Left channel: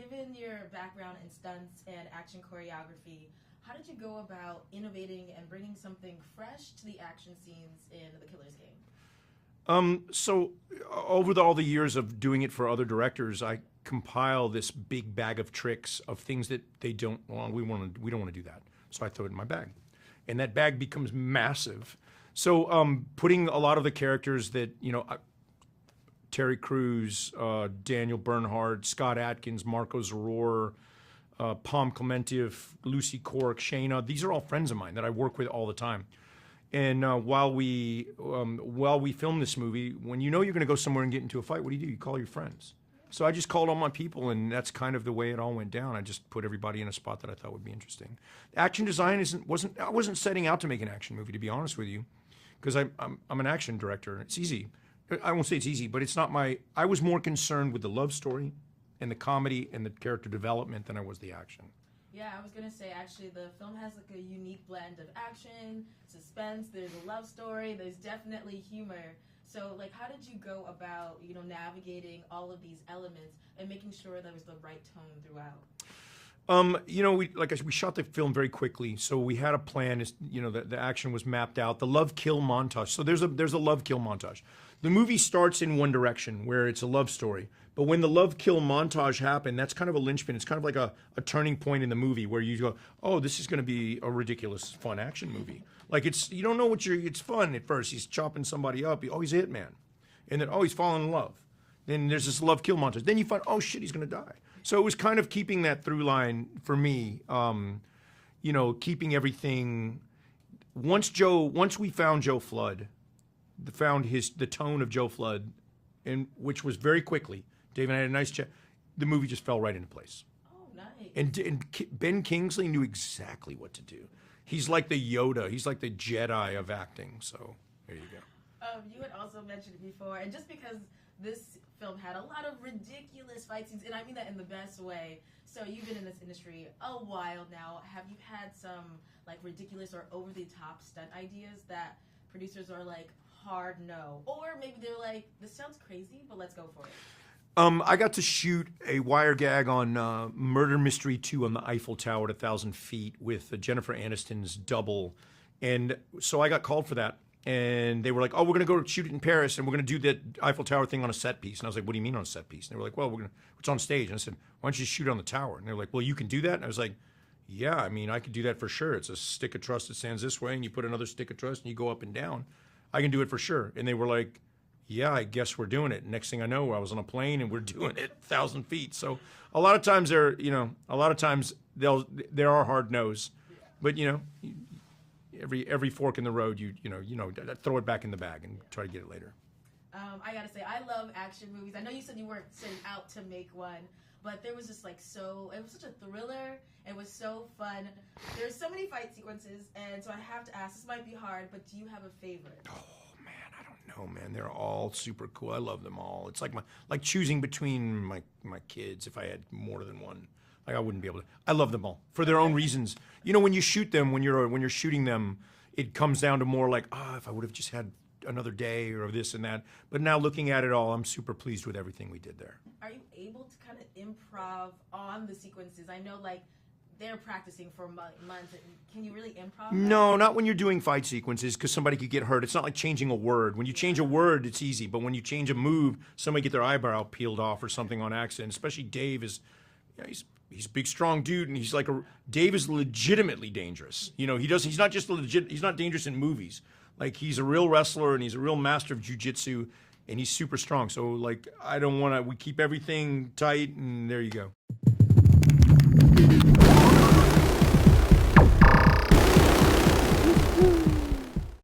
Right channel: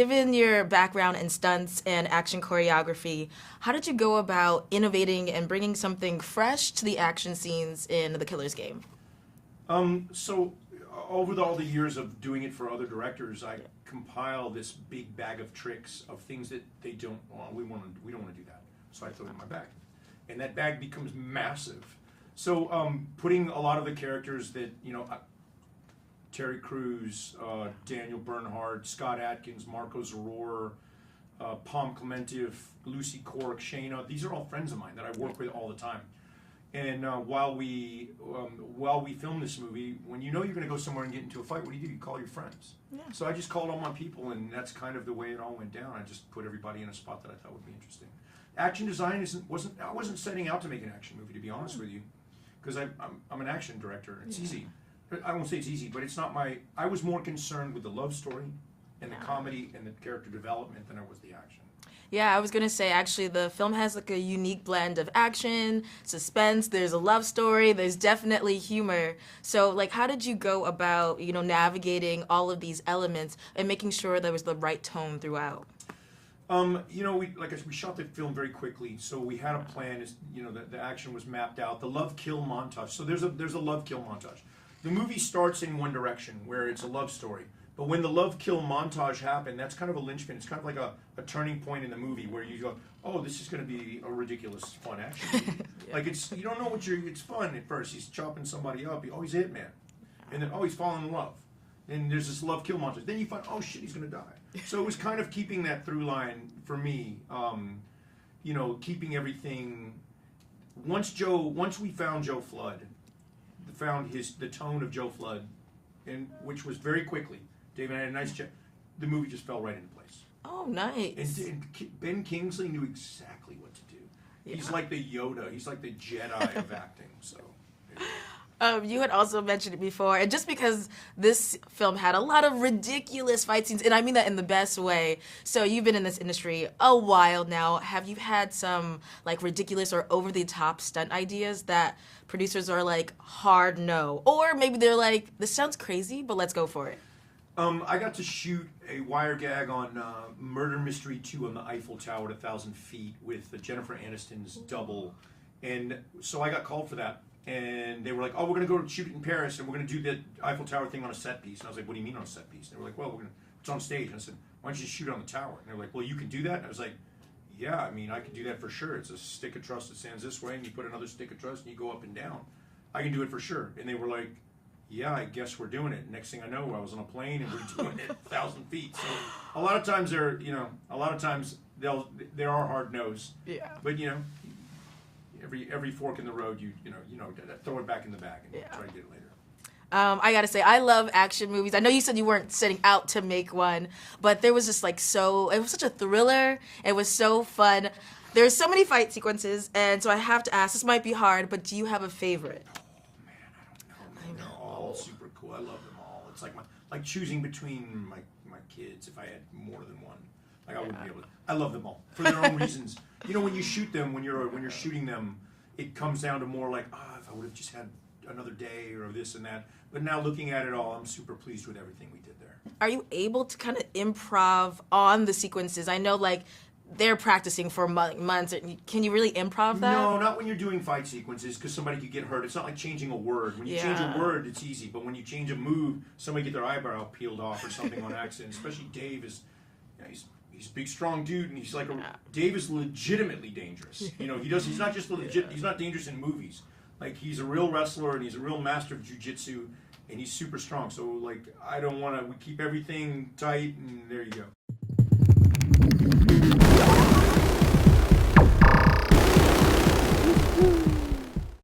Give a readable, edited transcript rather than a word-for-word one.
given your background in stunts and action choreography, how did you go about innovating and bringing something fresh to the action scenes in The Killer's Game? So over all the years of doing it for other directors, I compile this big bag of tricks of things that they don't want. We don't want to do that. So I throw it in my bag, and that bag becomes massive. So putting a lot of the characters that Terry Crews, Daniel Bernhardt, Scott Atkins, Marco Zaror, Pom Clementif, Lucy Cork, Shayna. These are all friends of mine that I work with all the time. And while we film this movie, when you know you're going to go somewhere and get into a fight, what do? You call your friends. Yeah. So I just called all my people, and that's kind of the way it all went down. I just put everybody in a spot that I thought would be interesting. Action design I wasn't setting out to make an action movie, to be honest with you, because I'm an action director. It's easy. I won't say it's easy, but it's not my. I was more concerned with the love story, and the comedy and the character development than I was the action. Yeah, I was going to say, actually, the film has like a unique blend of action, suspense, there's a love story, there's definitely humor. So, like, how did you go about, navigating all of these elements and making sure there was the right tone throughout? Like I said, we shot the film very quickly, so we had a plan. The action was mapped out. The love kill montage. So there's a love kill montage. The movie starts in one direction, where it's a love story. But when the love kill montage happened, that's kind of a linchpin. It's kind of like a turning point in the movie where you go, oh, this is going to be a ridiculous, fun action movie. Yeah. Like you don't know it's fun at first. He's chopping somebody up. He's a hitman. And then, he's falling in love. Then there's this love kill montage. Then you find, oh shit, he's going to die. So it was kind of keeping that through line for me. Keeping everything. Once we found Joe Flood, found the tone of Joe Flood, and which was very quickly. Dave and I had a nice chat. The movie just fell right into place. Oh, nice. And Ben Kingsley knew exactly what to do. He's like the Yoda. He's like the Jedi of acting. So. You had also mentioned it before, and just because this film had a lot of ridiculous fight scenes, and I mean that in the best way. So you've been in this industry a while now. Have you had some like ridiculous or over-the-top stunt ideas that producers are like, hard no? Or maybe they're like, this sounds crazy, but let's go for it. I got to shoot a wire gag on Murder Mystery 2 on the Eiffel Tower at 1,000 feet with Jennifer Aniston's double. And so I got called for that. And they were like, oh, we're going to go shoot it in Paris, and we're going to do the Eiffel Tower thing on a set piece. And I was like, what do you mean on a set piece? And they were like, well, it's on stage. And I said, why don't you just shoot it on the tower? And they were like, well, you can do that? And I was like, yeah, I mean, I could do that for sure. It's a stick of trust that stands this way, and you put another stick of trust, and you go up and down. I can do it for sure. And they were like, yeah, I guess we're doing it. Next thing I know, I was on a plane, and we're doing it 1,000 feet. So a lot of times there are hard no's. Yeah. But, every fork in the road, you throw it back in the bag and try to get it later. I gotta say, I love action movies. I know you said you weren't setting out to make one, but there was just it was such a thriller. It was so fun. There's so many fight sequences, and so I have to ask, this might be hard, but do you have a favorite? Oh man, I don't know, man. They're all super cool. I love them all. It's like choosing between my kids if I had more than one. I wouldn't be able to. I love them all for their own reasons. When you shoot them, when you're shooting them, it comes down to more like, if I would have just had another day or this and that. But now looking at it all, I'm super pleased with everything we did there. Are you able to kind of improv on the sequences? I know they're practicing for months. Can you really improv that? No, not when you're doing fight sequences, because somebody could get hurt. It's not like changing a word. When you change a word, it's easy. But when you change a move, somebody get their eyebrow peeled off or something on accident. Especially Dave he's a big, strong dude, and he's Dave is legitimately dangerous. He's not just legit. He's not dangerous in movies. Like, he's a real wrestler, and he's a real master of jiu-jitsu, and he's super strong. So, I don't want to. We keep everything tight, and there you go.